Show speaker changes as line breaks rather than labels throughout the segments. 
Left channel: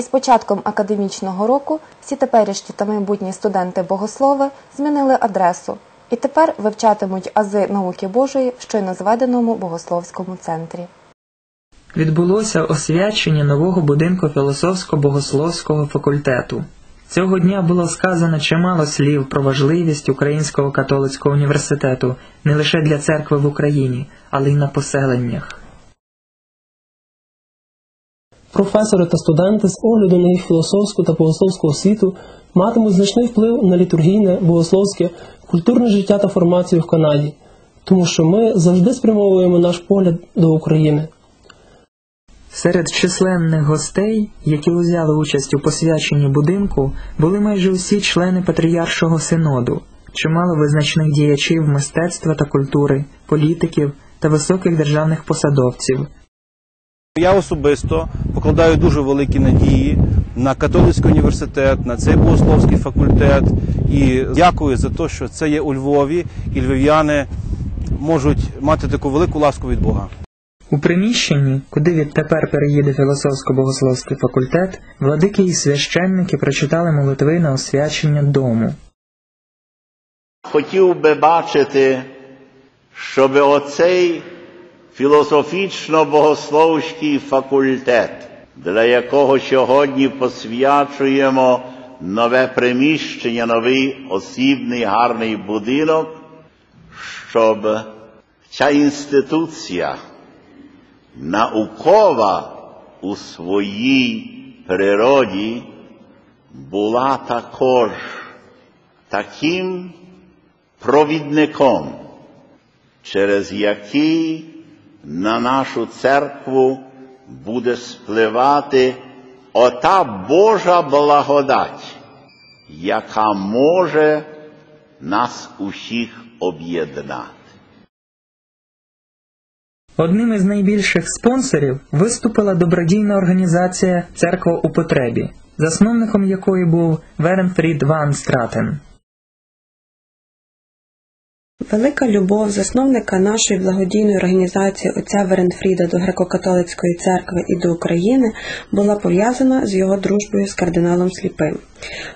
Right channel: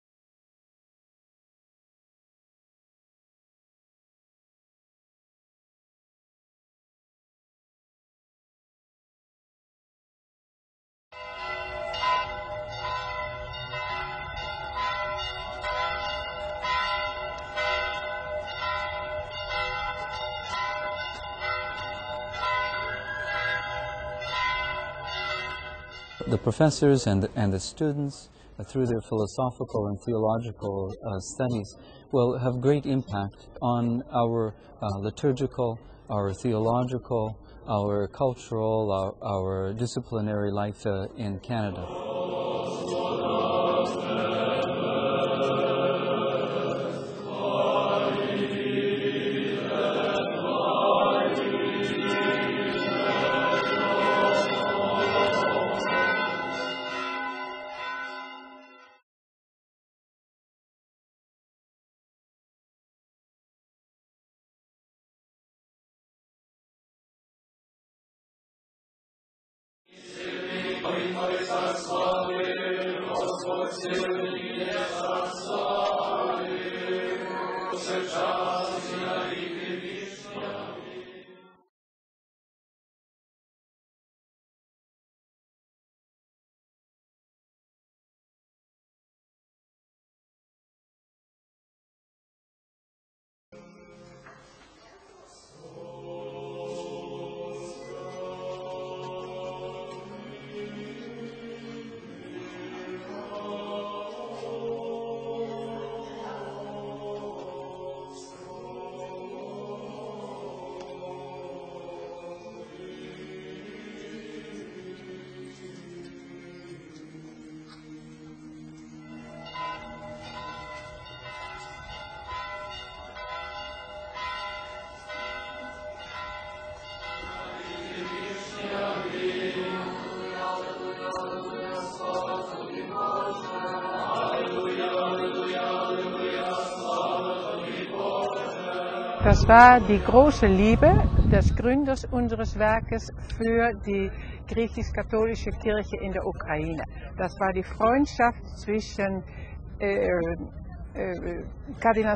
Із початком академічного року всі теперішні та майбутні студенти-богослови змінили адресу і тепер вивчатимуть ази науки Божої в щойно зведеному богословському центрі.
Відбулося освячення нового будинку філософсько-богословського факультету. Цього дня було сказано чимало слів про важливість Українського католицького університету не лише для церкви в Україні, але й на поселеннях.
Професори та студенти з огляду на їх філософську та богословську освіту матимуть значний вплив на літургійне, богословське, культурне життя та формацію в Канаді, тому що ми завжди спрямовуємо наш погляд до України.
Серед численних гостей, які взяли участь у посвяченні будинку, були майже усі члени Патріаршого синоду, чимало визначних діячів мистецтва та культури, політиків та високих державних посадовців.
Я особисто покладаю дуже великі надії на католицький університет, на цей богословський факультет і дякую за те, що це є у Львові, і львів'яни можуть мати таку велику ласку від Бога.
У приміщенні, куди відтепер переїде філософсько-богословський факультет, владики і священники прочитали молитви на освячення дому.
Хотів би бачити, щоб оцей філософічно-богословський факультет, для якого сьогодні посвячуємо нове приміщення, новий осібний гарний будинок, щоб ця інституція наукова у своїй природі була також таким провідником, через який на нашу церкву буде спливати ота Божа благодать, яка може нас усіх об'єднати.
Одним із найбільших спонсорів виступила добродійна організація Церква у потребі, засновником якої був Веренфрід Ван Стратен.
Велика любов засновника нашої благодійної організації отця Веренфріда до греко-католицької церкви і до України була пов'язана з його дружбою з кардиналом Сліпим.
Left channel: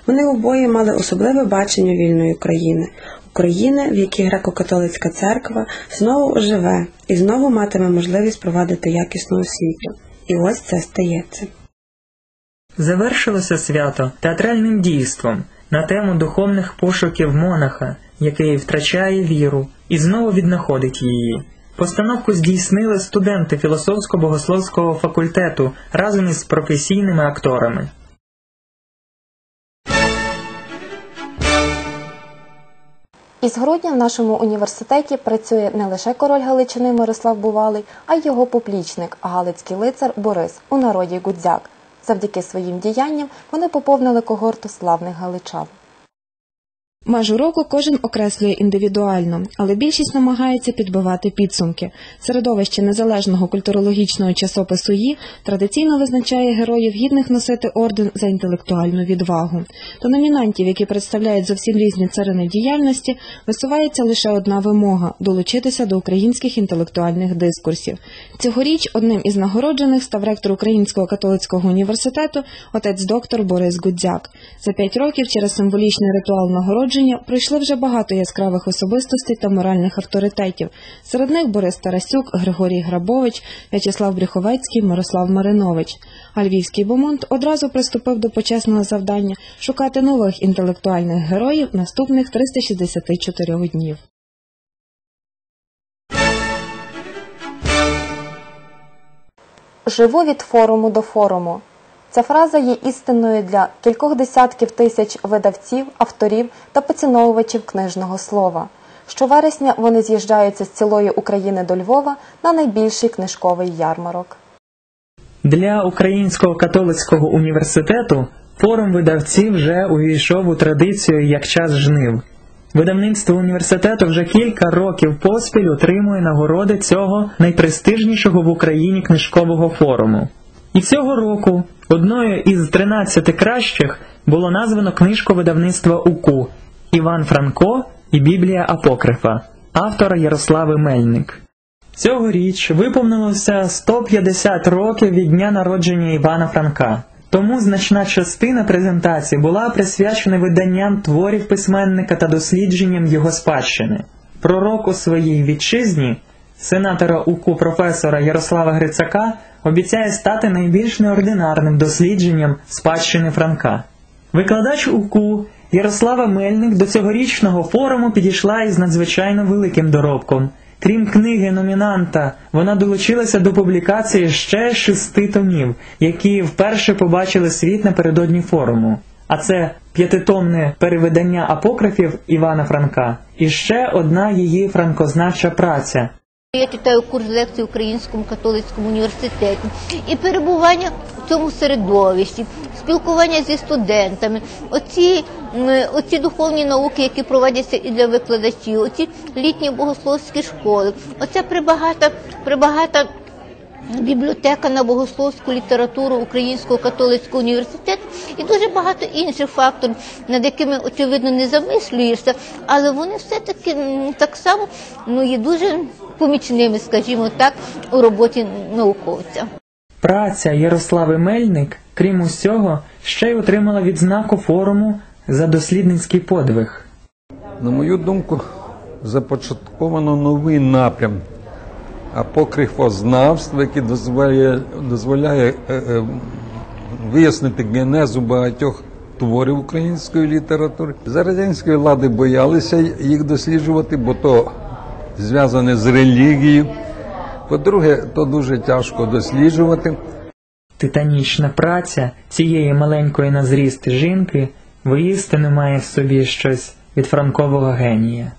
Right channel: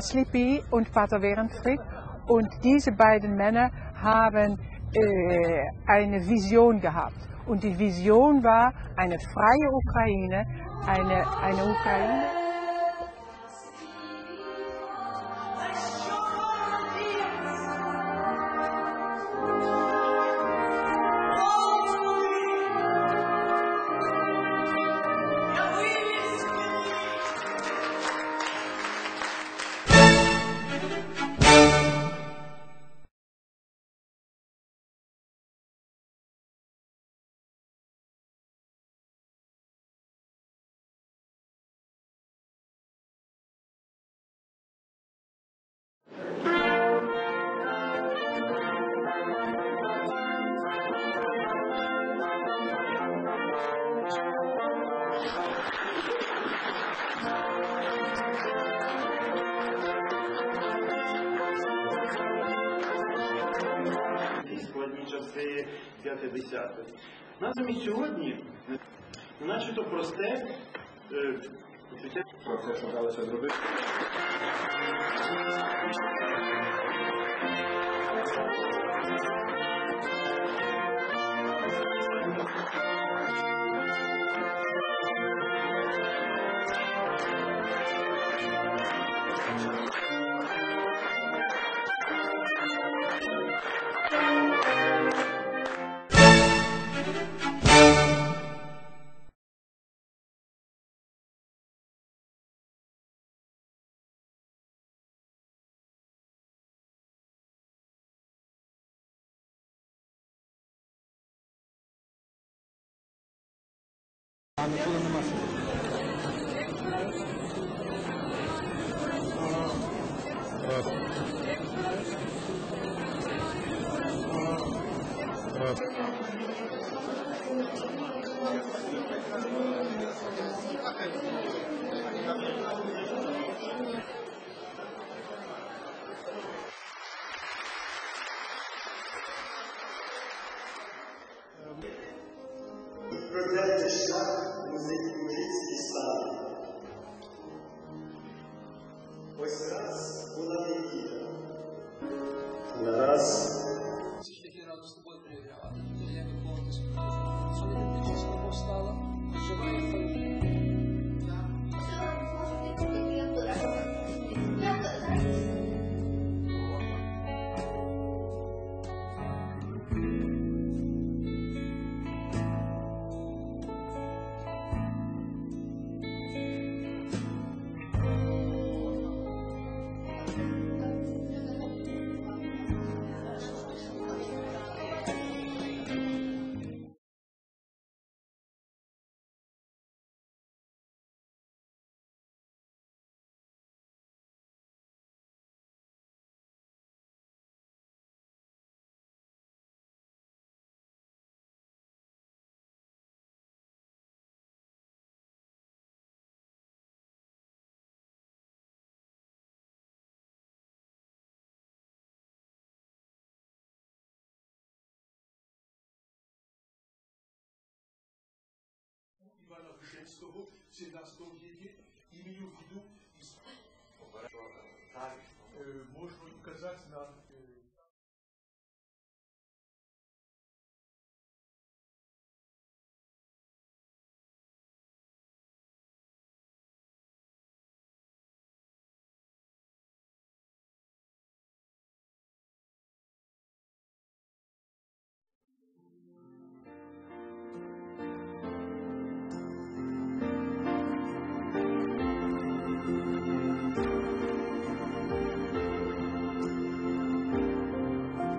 Вони обоє мали особливе бачення вільної України, України, в якій греко-католицька церква знову оживе і знову матиме можливість провадити якісну освіту. І ось це стається.
Завершилося свято театральним дійством на тему духовних пошуків монаха, який втрачає віру і знову віднаходить її. Постановку здійснили студенти філософсько-богословського факультету разом із професійними акторами.
Із грудня в нашому університеті працює не лише король Галичини Мирослав Бувалий, а й його поплічник, галицький лицар Борис, у народі Гудзяк. Завдяки своїм діянням вони поповнили когорту славних галичан.
Межу року кожен окреслює індивідуально, але більшість намагається підбивати підсумки. Середовище незалежного культурологічного часопису «Ї» традиційно визначає героїв гідних носити орден за інтелектуальну відвагу. До номінантів, які представляють зовсім різні царини діяльності, висувається лише одна вимога долучитися до українських інтелектуальних дискурсів. Цьогоріч одним із нагороджених став ректор Українського католицького університету, отець доктор Борис Гудзяк. За п'ять років через символічний ритуал нагородження пройшли вже багато яскравих особистостей та моральних авторитетів. Серед них Борис Тарасюк, Григорій Грабович, В'ячеслав Брюховецький, Мирослав Маринович. А львівський бомонд одразу приступив до почесного завдання шукати нових інтелектуальних героїв наступних 364 днів.
Живу від форуму до форуму. Ця фраза є істинною для кількох десятків тисяч видавців, авторів та поціновувачів книжного слова. Щовересня вони з'їжджаються з цілої України до Львова на найбільший книжковий ярмарок.
Для Українського католицького університету форум видавців вже увійшов у традицію як час жнив. Видавництво університету вже кілька років поспіль отримує нагороди цього найпрестижнішого в Україні книжкового форуму. І цього року одною із 13 кращих було названо книжку видавництва УКУ Іван Франко і Біблія Апокрифа автора Ярослави Мельник. Цьогоріч виповнилося 150 років від дня народження Івана Франка. Тому значна частина презентації була присвячена виданням творів письменника та дослідженням його спадщини. Пророк у своїй вітчизні, сенатора УКУ професора Ярослава Грицака, обіцяє стати найбільш неординарним дослідженням спадщини Франка. Викладач УКУ Ярослава Мельник до цьогорічного форуму підійшла із надзвичайно великим доробком. Крім книги номінанта, вона долучилася до публікації ще шести томів, які вперше побачили світ напередодні форуму. А це п'ятитомне перевидання апокрифів Івана Франка і ще одна її франкознавча праця
Я читаю курс лекцій в Українському католицькому університеті. І перебування в цьому середовищі, спілкування зі студентами, оці, оці духовні науки, які проводяться і для викладачів, оці літні богословські школи, оця прибагата, прибагата бібліотека на богословську літературу Українського католицького університету і дуже багато інших факторів, над якими очевидно не замислюєшся, але вони все-таки так само ну, є дуже помічними, скажімо так, у роботі науковця.
Праця Ярослави Мельник, крім усього, ще й отримала відзнаку форуму за дослідницький подвиг.
На мою думку, започатковано новий напрям апокрифознавства, який дозволяє, дозволяє е, е, вияснити генезу багатьох творів української літератури. За радянської влади боялися їх досліджувати, бо то зв'язане з релігією. По-друге, то дуже тяжко досліджувати.
Титанічна праця цієї маленької на зріст жінки воістину має в собі щось від франкового генія.